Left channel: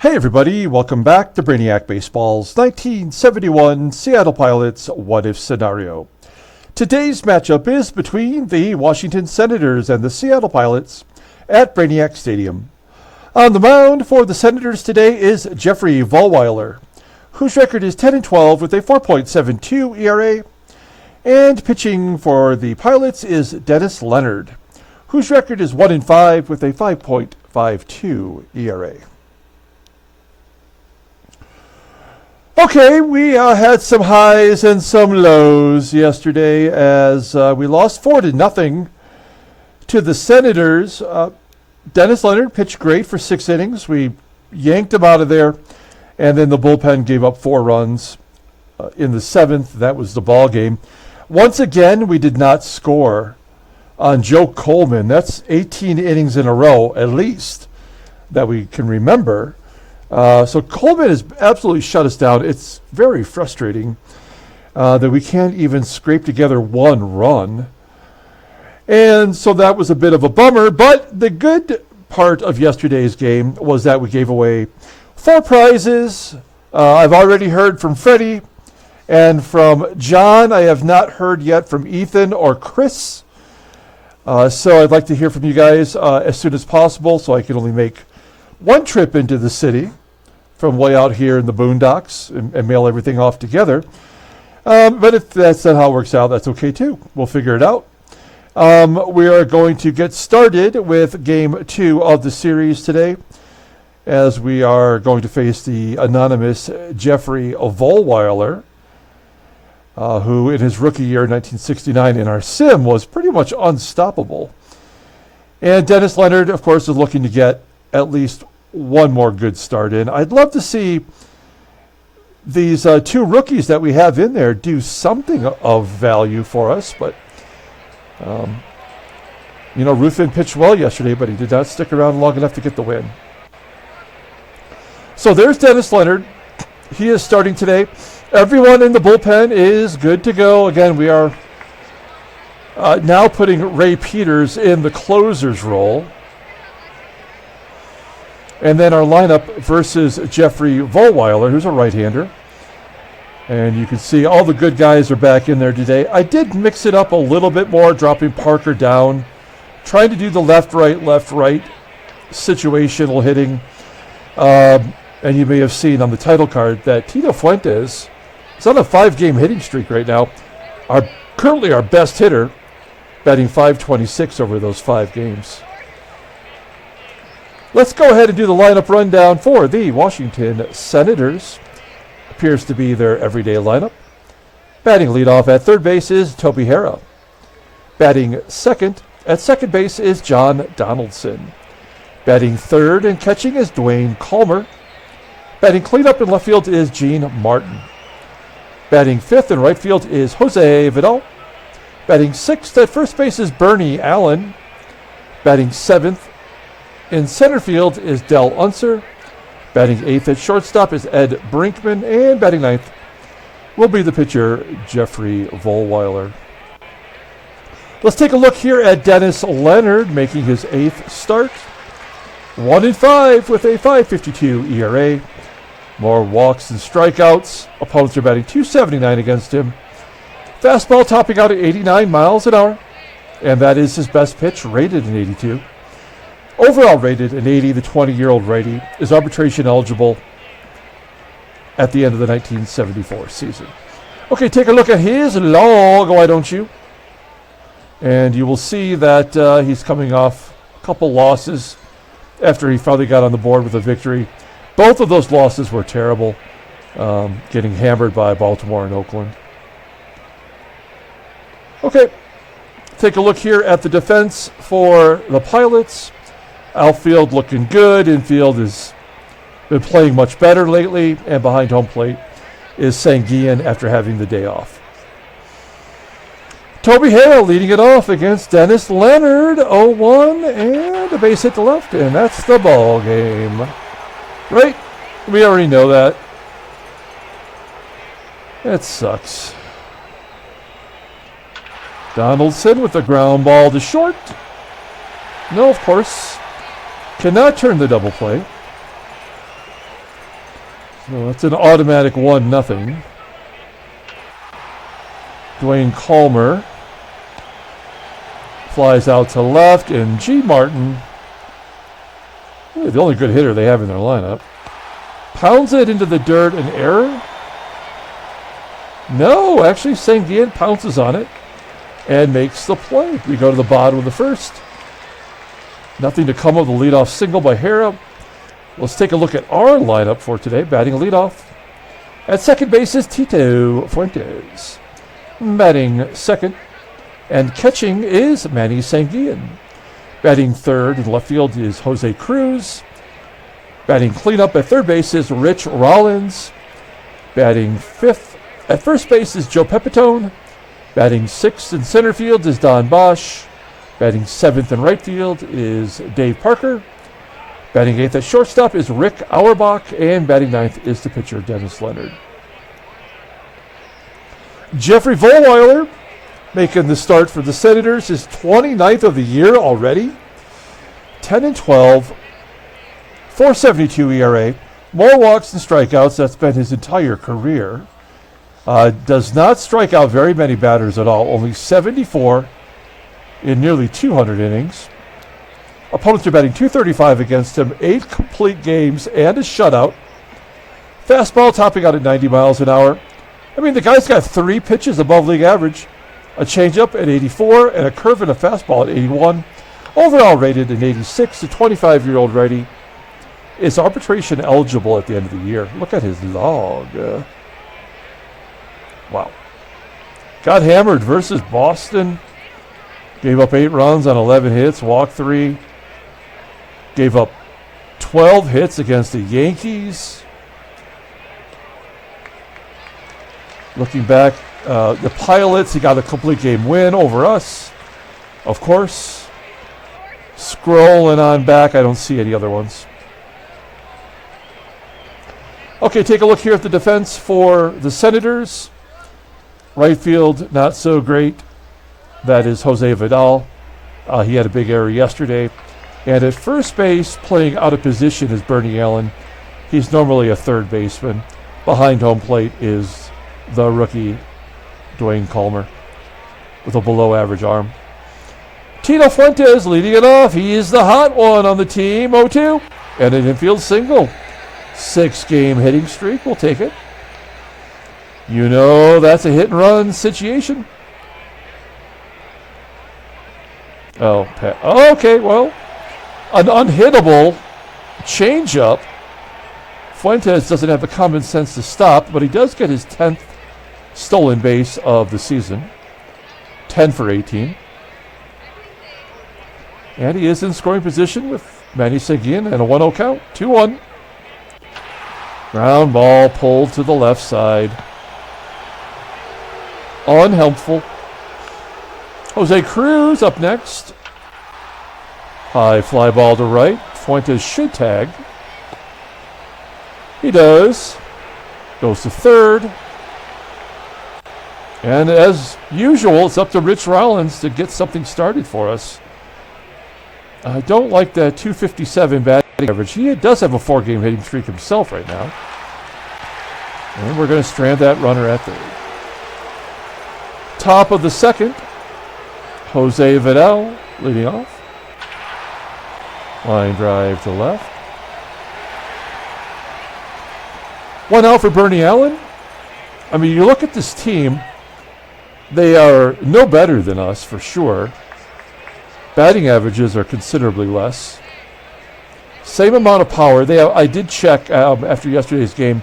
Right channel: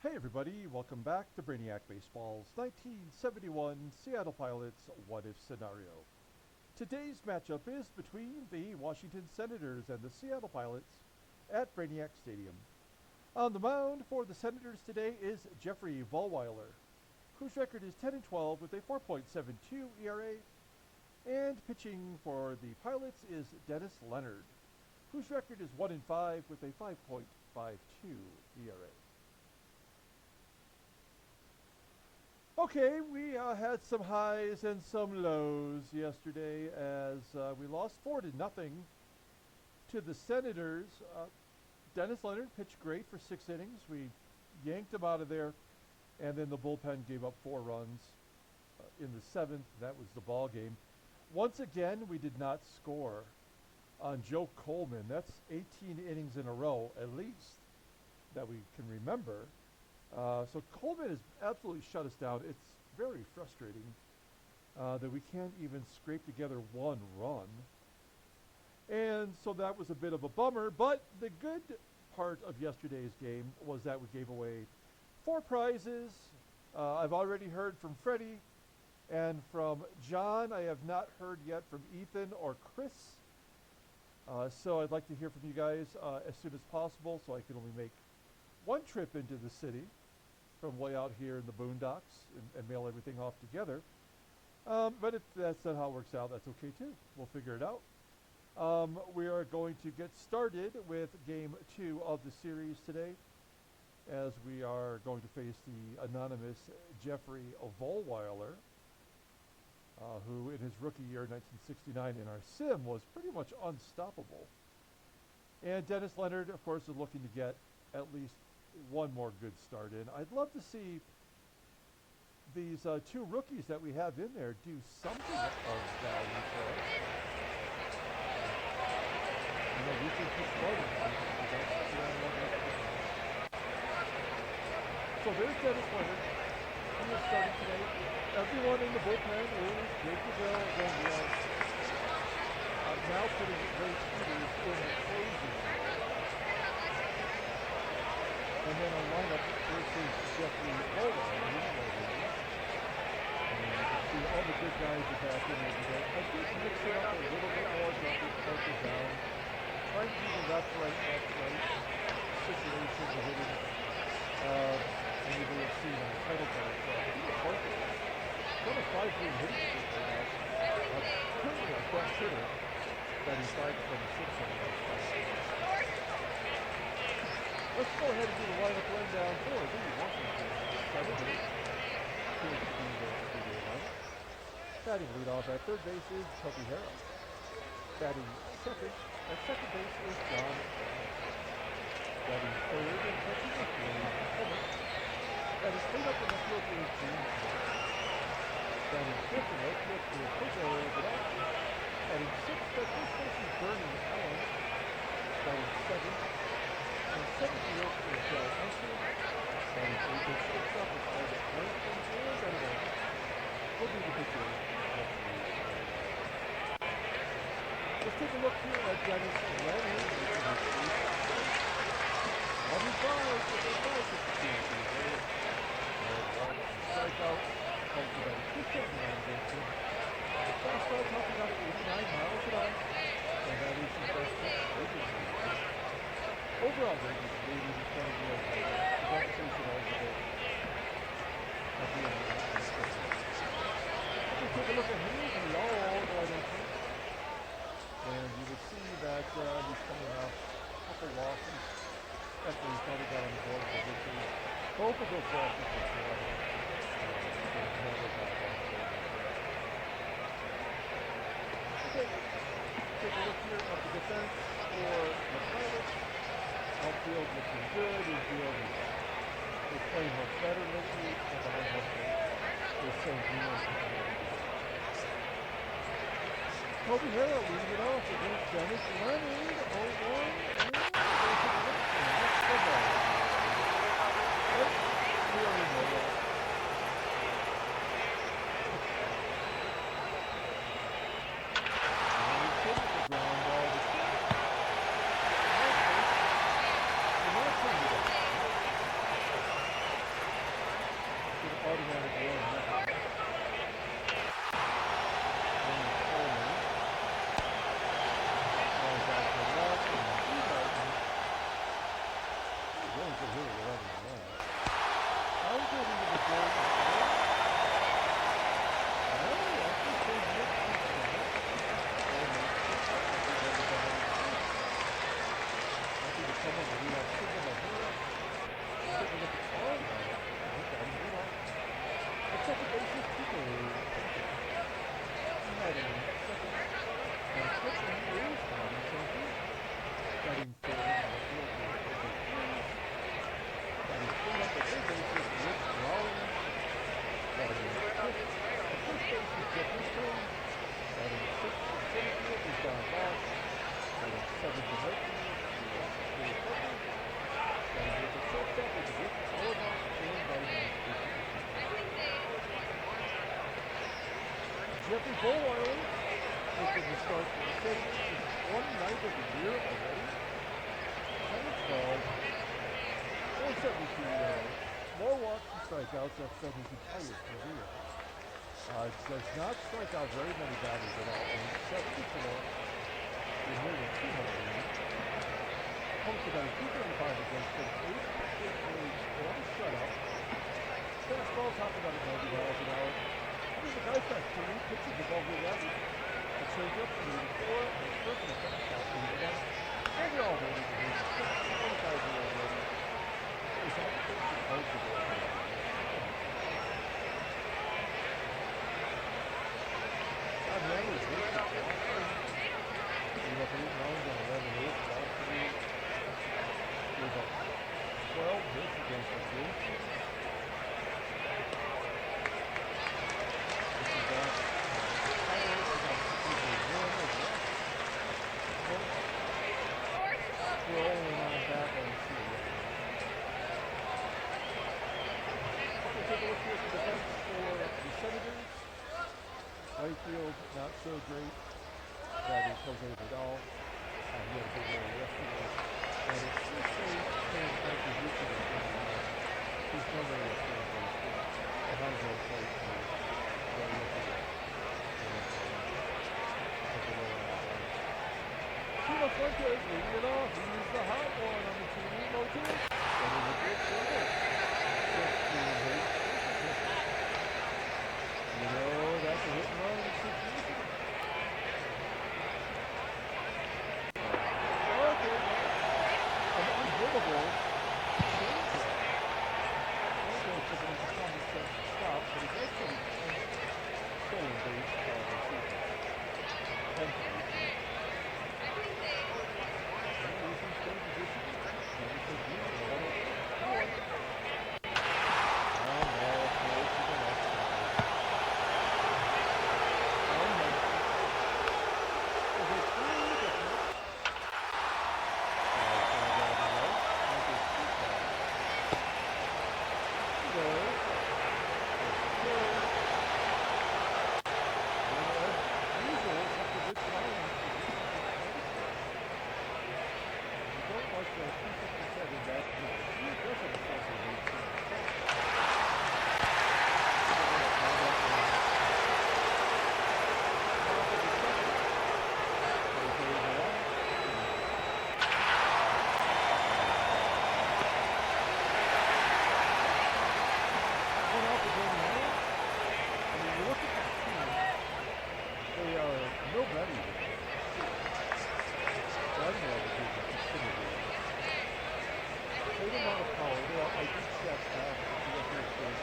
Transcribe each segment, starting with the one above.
Hey everybody, welcome back to Brainiac Baseball's 1971 Seattle Pilots What If Scenario. Today's matchup is between the Washington Senators and the Seattle Pilots at Brainiac Stadium. On the mound for the Senators today is Jeffrey Vollweiler, whose record is 10-12 with a 4.72 ERA. And pitching for the Pilots is Dennis Leonard, whose record is 1-5 with a 5.52 ERA. Okay, we had some highs and some lows yesterday as we lost 4-0 to the Senators. Dennis Leonard pitched great for 6 innings. We yanked him out of there, and then the bullpen gave up 4 runs in the 7th. That was the ball game. Once again, we did not score on Joe Coleman. That's 18 innings in a row, at least, that we can remember. So Coleman has absolutely shut us down. It's very frustrating that we can't even scrape together 1 run. And so that was a bit of a bummer. But the good part of yesterday's game was that we gave away 4 prizes. I've already heard from Freddie and from John. I have not heard yet from Ethan or Chris. So I'd like to hear from you guys as soon as possible so I can only make 1 trip into the city from way out here in the boondocks and mail everything off together. But if that's not how it works out, that's okay too. We'll figure it out. We are going to get started with Game 2 of the series today, as we are going to face the anonymous Jeffrey Vollweiler, who in his rookie year in 1969 in our sim was pretty much unstoppable. And Dennis Leonard, of course, is looking to get at least 1 more good start in. I'd love to see these 2 rookies that we have in there do something of value for us. But, Ruthven pitched well yesterday, but he did not stick around long enough to get the win. So there's Dennis Leonard. He is starting today. Everyone in the bullpen is good to go. Again, we are now putting Ray Peters in the closer's role. And then our lineup versus Jeffrey Vollweiler, who's a right-hander. And you can see all the good guys are back in there today. I did mix it up a little bit more, dropping Parker down, trying to do the left-right situational hitting. And you may have seen on the title card that Tito Fuentes is on a 5-game hitting streak right now. Currently our best hitter, batting .526 over those 5 games. Let's go ahead and do the lineup rundown for the Washington Senators. Appears to be their everyday lineup. Batting leadoff at third base is Toby HARRAH. Batting second at second base is John Donaldson. Batting third and catching is Duane KALMER. Batting cleanup in left field is Gene Martin. Batting fifth in right field is Jose Vidal. Batting sixth at first base is Bernie Allen. Batting seventh in center field is Del Unser. Batting eighth at shortstop is Ed Brinkman. And batting ninth will be the pitcher, Jeffrey Vollweiler. Let's take a look here at Dennis Leonard making his 8th start. 1-5 with a .552 ERA. More walks and strikeouts. Opponents are batting .279 against him. Fastball topping out at 89 miles an hour. And that is his best pitch, rated an 82. Overall rated an 80, the 20-year-old righty is arbitration eligible at the end of the 1974 season. Okay, take a look at his log, why don't you? And you will see that he's coming off a couple losses after he finally got on the board with a victory. Both of those losses were terrible, getting hammered by Baltimore and Oakland. Okay, take a look here at the defense for the Pilots. Outfield looking good. Infield has been playing much better lately. And behind home plate is SANGUILLEN after having the day off. Toby HARRAH leading it off against Dennis Leonard. 0-1 and a base hit to left. And that's the ball game. Right? We already know that. That sucks. Donaldson with the ground ball to short. No, of course. Cannot turn the double play. So it's an automatic 1-0. Duane KALMER flies out to left, and G. Martin, the only good hitter they have in their lineup, pounds it into the dirt. An error? No, actually SANGUILLEN pounces on it and makes the play. We go to the bottom of the first. Nothing to come of the leadoff single by HARRAH. Let's take a look at our lineup for today. Batting leadoff. At second base is Tito Fuentes. Batting second and catching is Manny SANGUILLEN. Batting third in left field is CRUZ. Batting cleanup at third base is ROLLINS. Batting fifth at first base is PEPITONE. Batting sixth in center field is BOSCH. Batting seventh in right field is Dave Parker. Batting eighth at shortstop is AUERBACH. And batting ninth is the pitcher, Leonard. Jeffrey Vollweiler making the start for the Senators, his 29th of the year already. 10-12, 4.72 ERA. More walks than strikeouts. That's been his entire career. Does not strike out very many batters at all. Only 74 in nearly 200 innings. Opponents are batting .235 against him. 8 complete games and a shutout. Fastball topping out at 90 miles an hour. I mean, the guy's got 3 pitches above league average. A changeup at 84 and a curve and a fastball at 81. Overall rated an 86. The 25-year-old righty is arbitration eligible at the end of the year. Look at his log. Wow. Got hammered versus Boston. Gave up 8 runs on 11 hits, walked 3. Gave up 12 hits against the Yankees. Looking back, the Pilots, he got a complete game win over us, of course. Scrolling on back, I don't see any other ones. Okay, take a look here at the defense for the Senators. Right field, not so great. That is Jose Vidal. He had a big error yesterday. And at first base, playing out of position is Bernie Allen. He's normally a third baseman. Behind home plate is the rookie Duane KALMER with a below-average arm. Tito Fuentes leading it off. He is the hot one on the team. 0-2 and an infield single. 6-game hitting streak. We'll take it. You know that's a hit-and-run situation. Oh, okay, well, an unhittable changeup. Fuentes doesn't have the common sense to stop, but he does get his 10th stolen base of the season. 10 for 18. And he is in scoring position with Manny SANGUILLEN and a 1-0 count. 2-1. Ground ball pulled to the left side. Unhelpful. Jose CRUZ up next. High fly ball to right. Fuentes should tag. He does. Goes to third. And as usual, it's up to Rich Rollins to get something started for us. I don't like that .257 batting average. He does have a 4-game hitting streak himself right now. And we're going to strand that runner at third. Top of the second. Jose Vidal leading off. Line drive to left. 1 out for Bernie Allen. I mean, you look at this team, they are no better than us for sure. Batting averages are considerably less. Same amount of power. I did check after yesterday's game.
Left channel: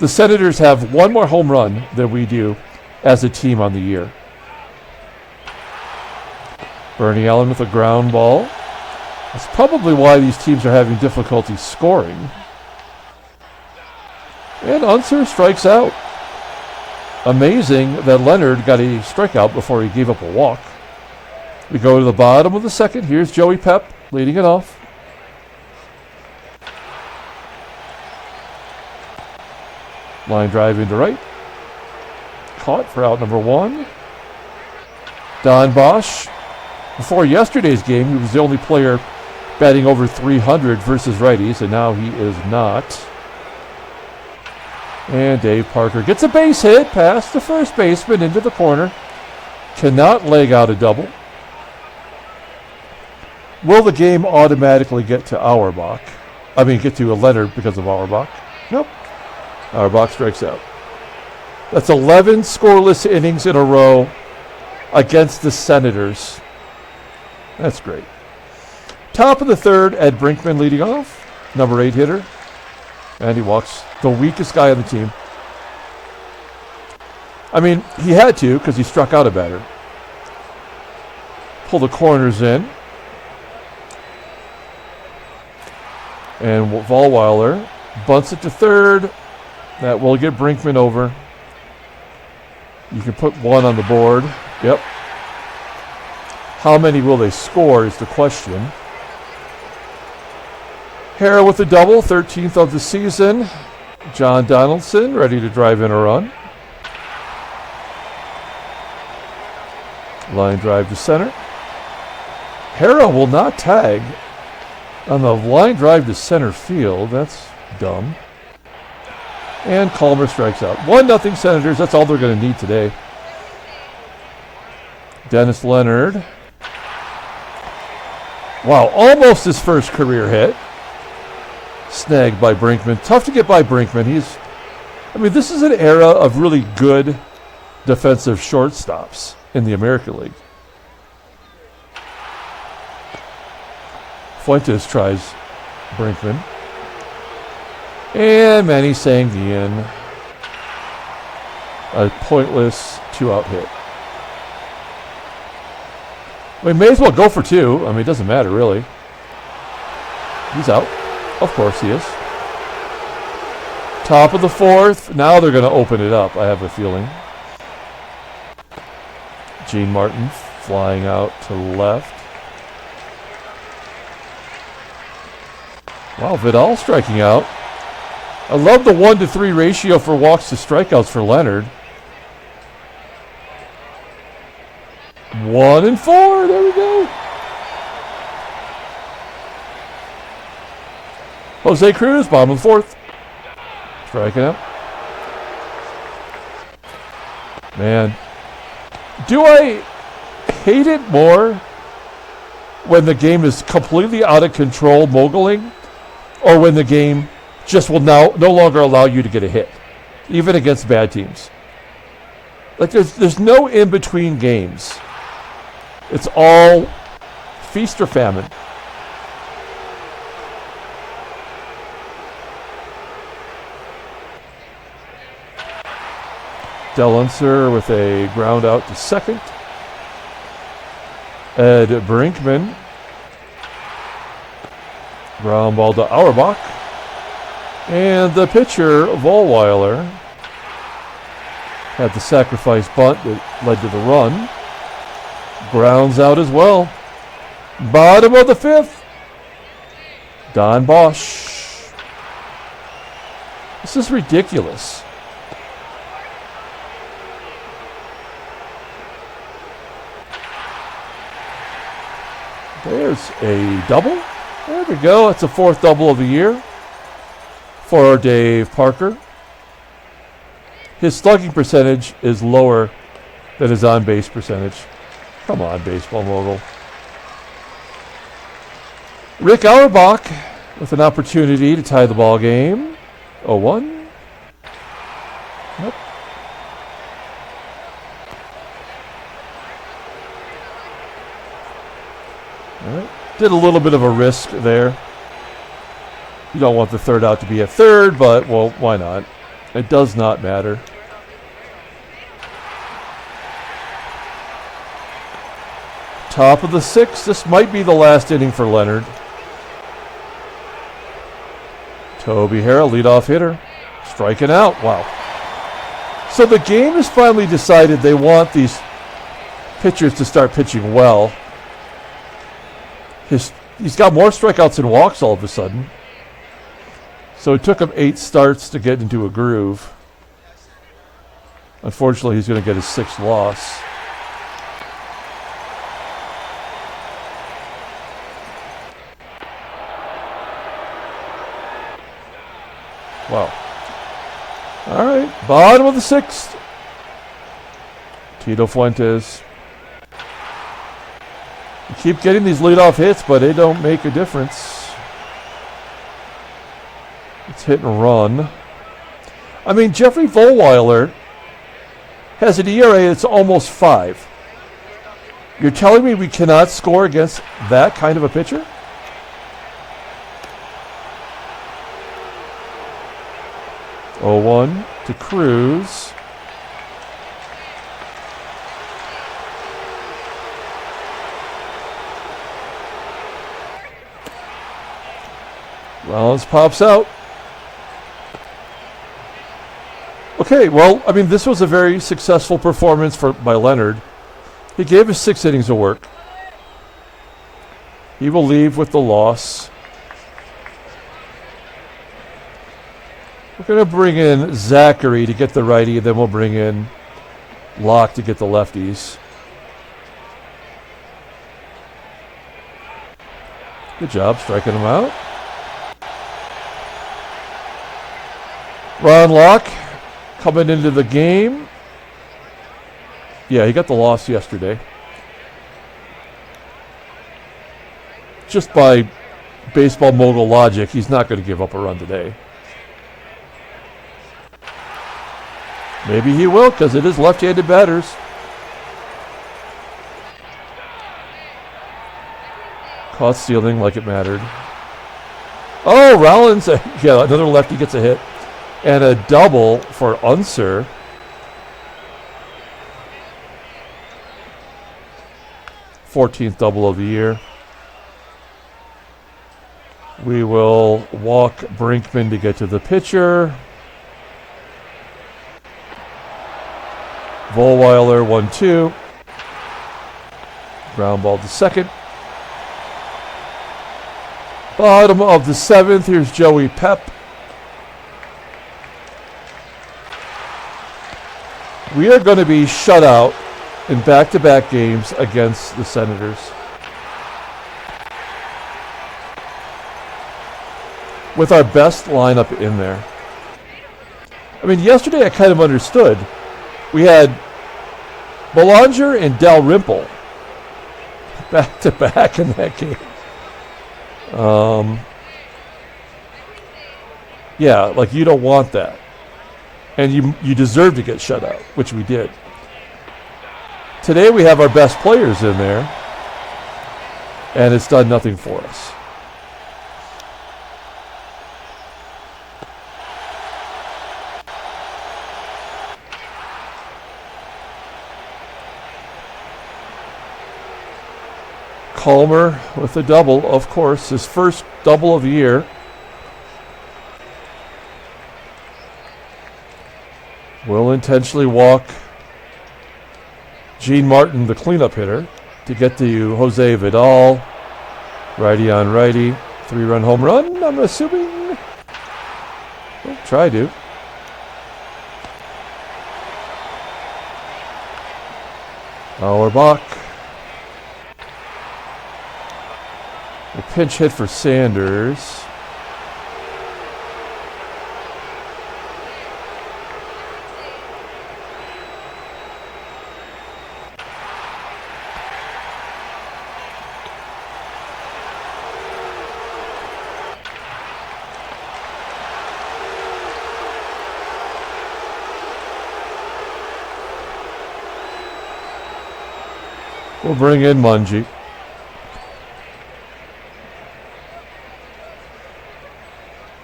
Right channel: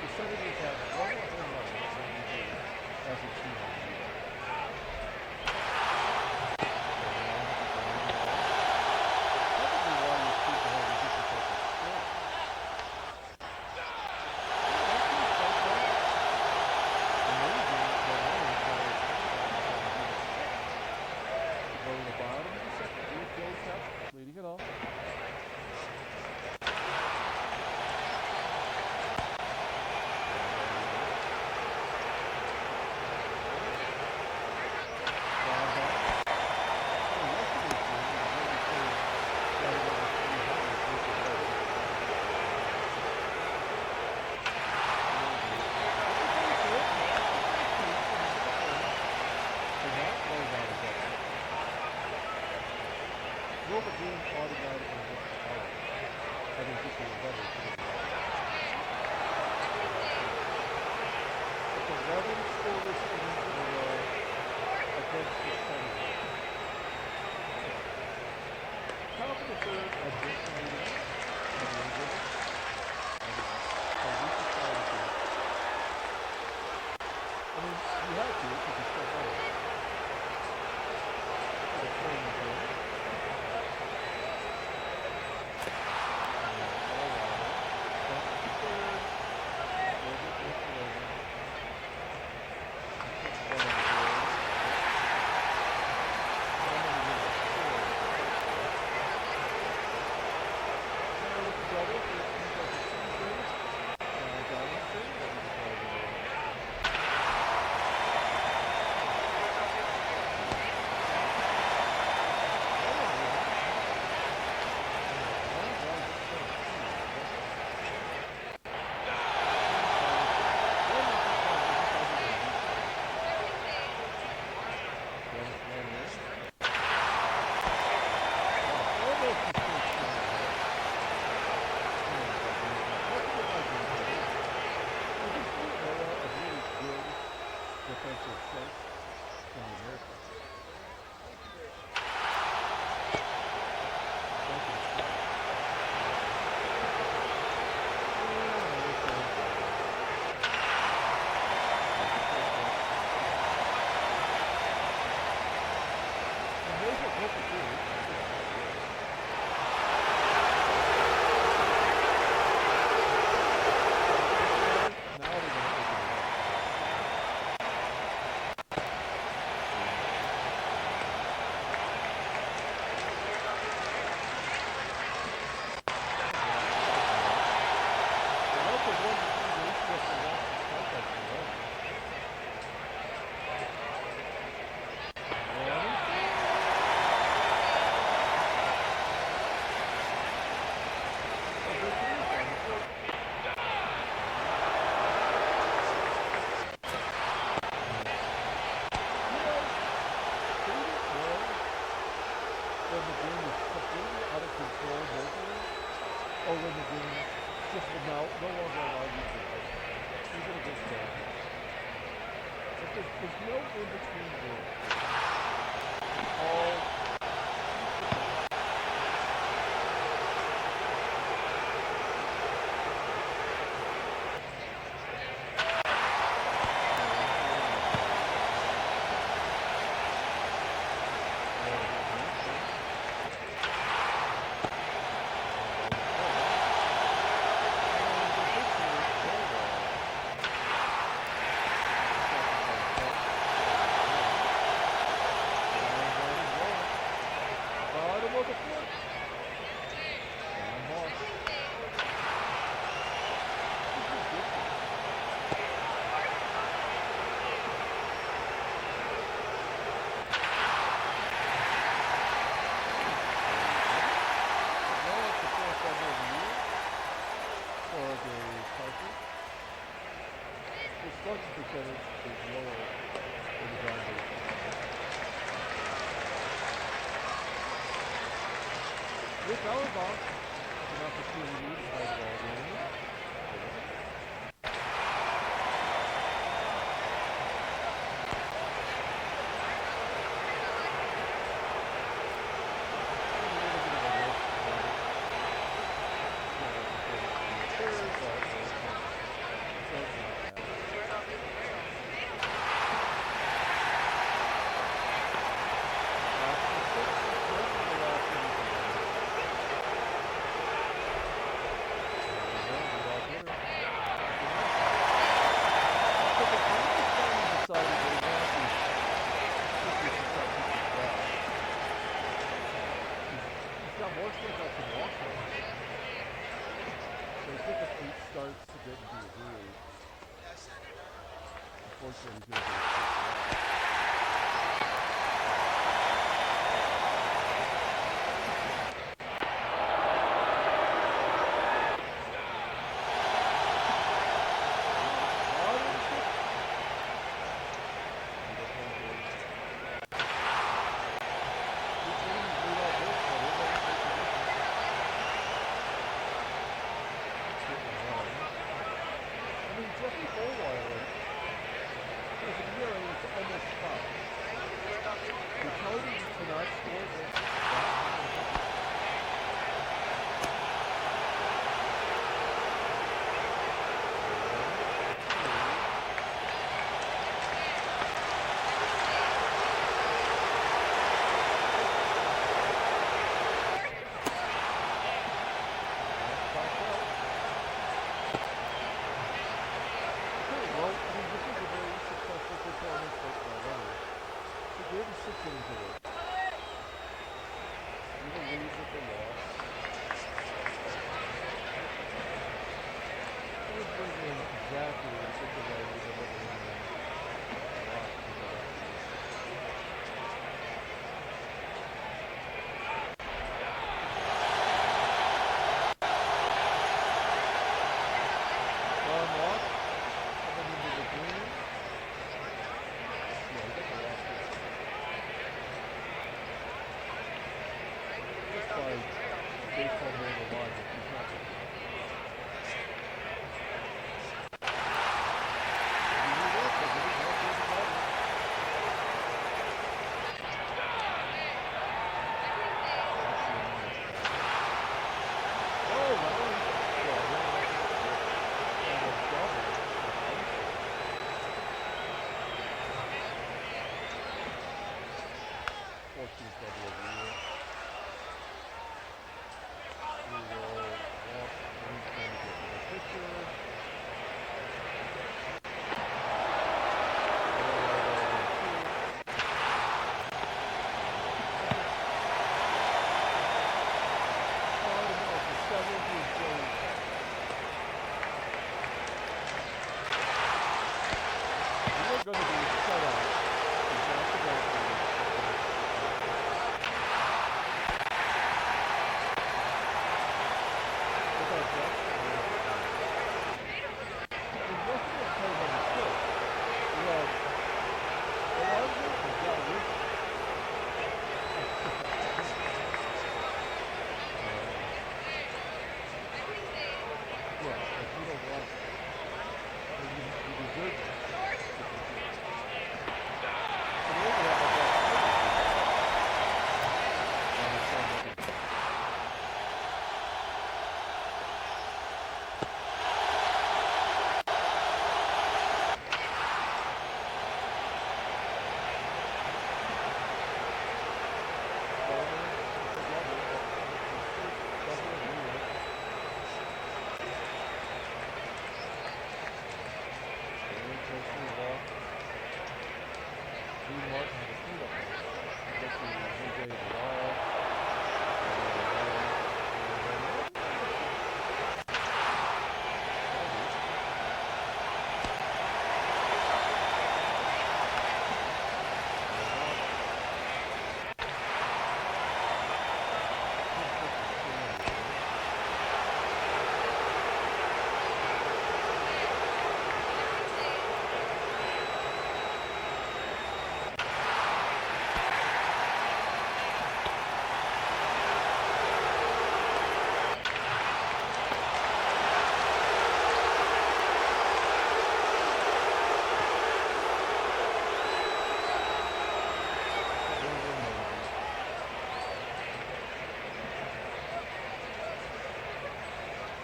The Senators have 1 more home run than we do as a team on the year. Bernie Allen with a ground ball. That's probably why these teams are having difficulty scoring. And UNSER strikes out. Amazing that Leonard got a strikeout before he gave up a walk. We go to the bottom of the second. Here's Joey Pep leading it off. Line drive into right. Caught for out number 1. Don Bosch. Before yesterday's game, he was the only player batting over 300 versus righties, and now he is not. And Dave Parker gets a base hit past the first baseman into the corner. Cannot leg out a double. Will the game automatically get to Auerbach? I mean, get to a Leonard because of Auerbach? Nope. Auerbach strikes out. That's 11 scoreless innings in a row against the Senators. That's great. Top of the third, Ed Brinkman leading off. Number 8 hitter. And he walks the weakest guy on the team. I mean, he had to because he struck out a batter. Pull the corners in. And Vollweiler bunts it to third. That will get Brinkman over. You can put one on the board. Yep. How many will they score is the question. HARRAH with a double, 13th of the season. John Donaldson ready to drive in a run. Line drive to center. HARRAH will not tag on the line drive to center field. That's dumb. And KALMER strikes out. 1-0 Senators. That's all they're going to need today. Dennis Leonard. Wow, almost his first career hit. Snagged by Brinkman. Tough to get by Brinkman. This is an era of really good defensive shortstops in the American League. Fuentes tries Brinkman. And Manny SANGUILLEN. A pointless 2-out hit. We may as well go for 2. It doesn't matter really. He's out. Of course he is. Top of the fourth. Now they're going to open it up, I have a feeling. Gene Martin flying out to left. Wow, Vidal striking out. I love the 1-to-3 ratio for walks to strikeouts for Leonard. 1-4. There we go. Jose Cruz, bottom of the fourth. Striking out. Man. Do I hate it more when the game is completely out of control, moguling, or when the game just will no longer allow you to get a hit, even against bad teams? Like there's no in-between games. It's all feast or famine. UNSER with a ground out to second. Ed Brinkman. Ground ball to Auerbach. And the pitcher, Vollweiler, had the sacrifice bunt that led to the run. Grounds out as well. Bottom of the fifth. Don BOSCH. This is ridiculous. There's a double. There we go. That's the 4th double of the year for Dave Parker. His slugging percentage is lower than his on-base percentage. Come on, baseball mogul. Rick Auerbach with an opportunity to tie the ball game. 0-1. Yep. Did a little bit of a risk there. You don't want the third out to be a third, but, well, why not? It does not matter. Top of the 6th. This might be the last inning for Leonard. Toby HARRAH, leadoff hitter. Striking out. Wow. So the game has finally decided they want these pitchers to start pitching well. He's got more strikeouts than walks all of a sudden. So it took him 8 starts to get into a groove. Unfortunately, he's going to get his 6th loss. Wow. All right, bottom of the 6th. Tito Fuentes. You keep getting these leadoff hits, but they don't make a difference. It's hit and run. I mean, Jeffrey Vollweiler has an ERA that's almost 5. You're telling me we cannot score against that kind of a pitcher? Oh, 1 to CRUZ. Rollins pops out. Okay, well, I mean, this was a very successful performance by Leonard. He gave us 6 innings of work. He will leave with the loss. We're going to bring in Zachary to get the righty, then we'll bring in Locke to get the lefties. Good job striking him out. Ron Locke coming into the game. Yeah, he got the loss yesterday. Just by baseball mogul logic, he's not going to give up a run today. Maybe he will, because it is left-handed batters. Caught stealing like it mattered. Oh, Rollins, yeah, another lefty gets a hit. And a double for UNSER. th double of the year. We will walk Brinkman to get to the pitcher. Vollweiler 1-2. Ground ball to second. Bottom of the 7th. Here's Joey Pep. We are going to be shut out in back-to-back games against the Senators. With our best lineup in there. I mean, yesterday I kind of understood. We had Belanger and Dalrymple back-to-back in that game. Yeah, like you don't want that. And you deserve to get shut out, which we did. Today we have our best players in there, and it's done nothing for us. KALMER with a double, of course, his first double of the year. Will intentionally walk Gene Martin, the cleanup hitter, to get to Jose Vidal. Righty on righty. 3-run home run, I'm assuming. Try to. AUERBACH. A pinch hit for Sanders. We'll bring in Mungie.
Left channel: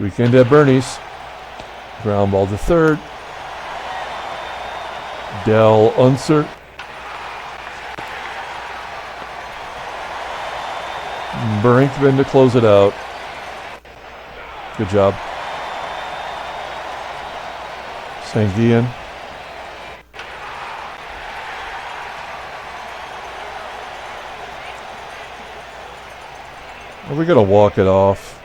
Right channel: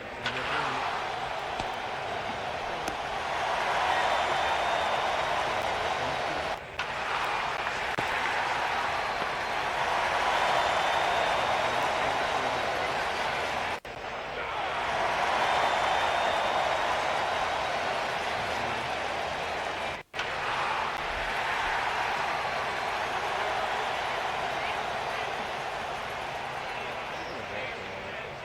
Weekend at Bernie's. Ground ball to third. Del UNSER. Brinkman to close it out. Good job. SANGUILLEN. We're going to walk it off.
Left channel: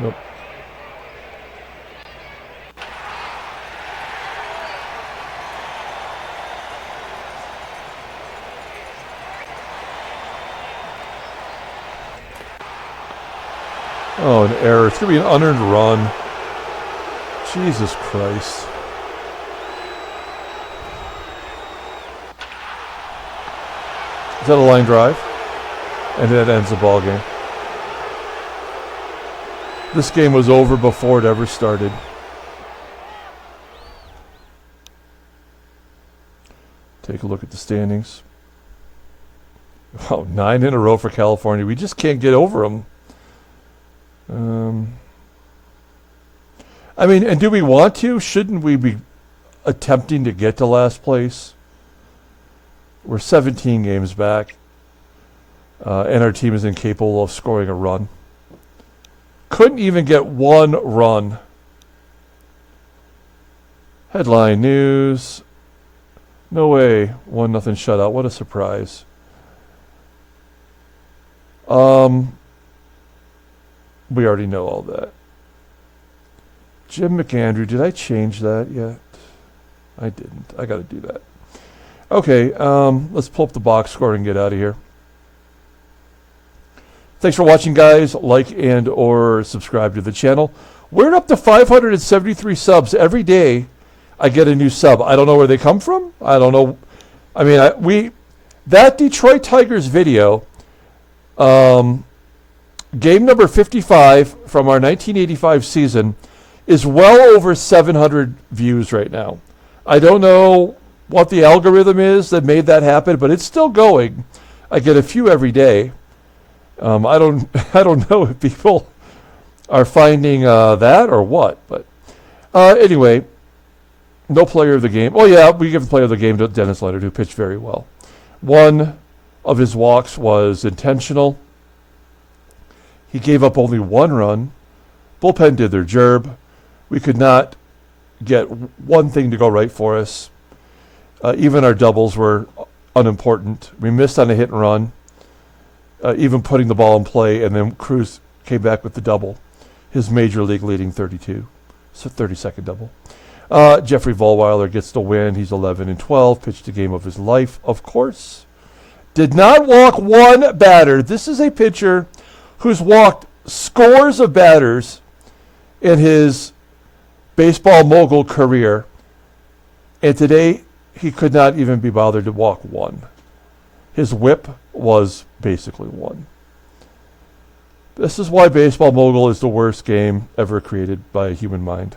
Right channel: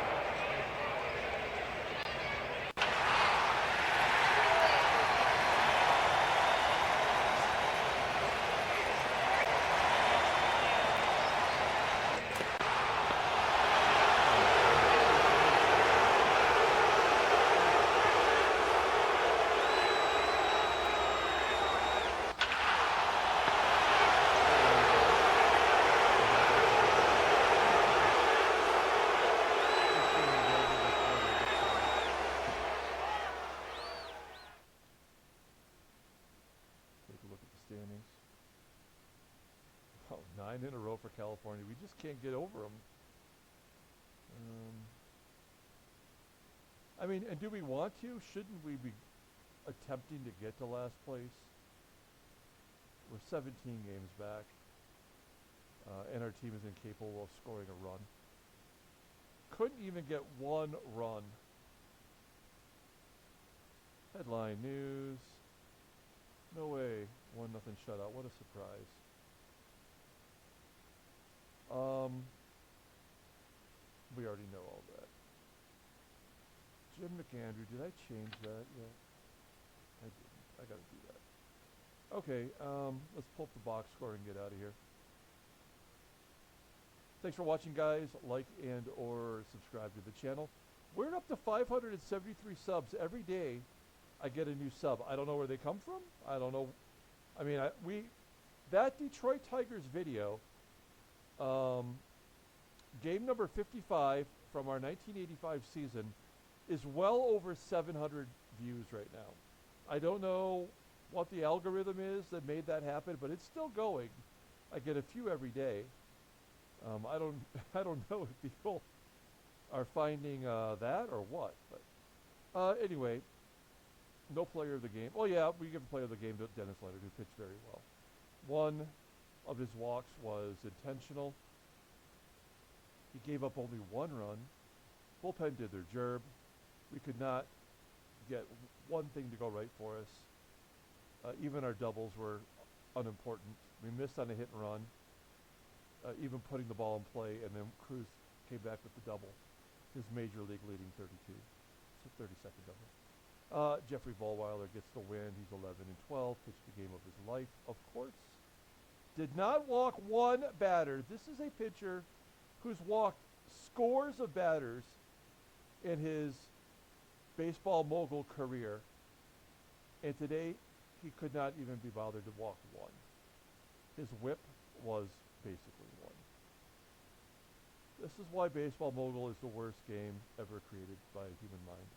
Yep. Oh, an error. It's going to be an unearned run. Jesus Christ. Is that a line drive? And that ends the ball game. This game was over before it ever started. Take a look at the standings. Oh, 9 in a row for California. We just can't get over them. I mean, and do we want to? Shouldn't we be attempting to get to last place? We're 17 games back, and our team is incapable of scoring a run. Couldn't even get one run. Headline news. No way. 1-0 shutout. What a surprise. We already know all that. Jim McAndrew, did I change that yet? I didn't. I got to do that. Okay, let's pull up the box score and get out of here. Thanks for watching, guys. Like and or subscribe to the channel. We're up to 573 subs. Every day I get a new sub. I don't know where they come from. I don't know. I mean, that Detroit Tigers video, game number 55 from our 1985 season, is well over 700 views right now. I don't know what the algorithm is that made that happen, but it's still going. I get a few every day. I don't know if people are finding that or what, but anyway, no player of the game. Oh yeah, we give the player of the game to Dennis Leonard, who pitched very well. One of his walks was intentional. He gave up only 1 run. Bullpen did their job. We could not get one thing to go right for us. Even our doubles were unimportant. We missed on a hit and run, even putting the ball in play, and then CRUZ came back with the double, his major league leading 32, so 32nd double. Jeffrey Vollweiler gets the win. He's 11-12, pitched the game of his life, of course. Did not walk one batter. This is a pitcher who's walked scores of batters in his baseball mogul career, and today he could not even be bothered to walk one. His whip was basically 1. This is why baseball mogul is the worst game ever created by a human mind.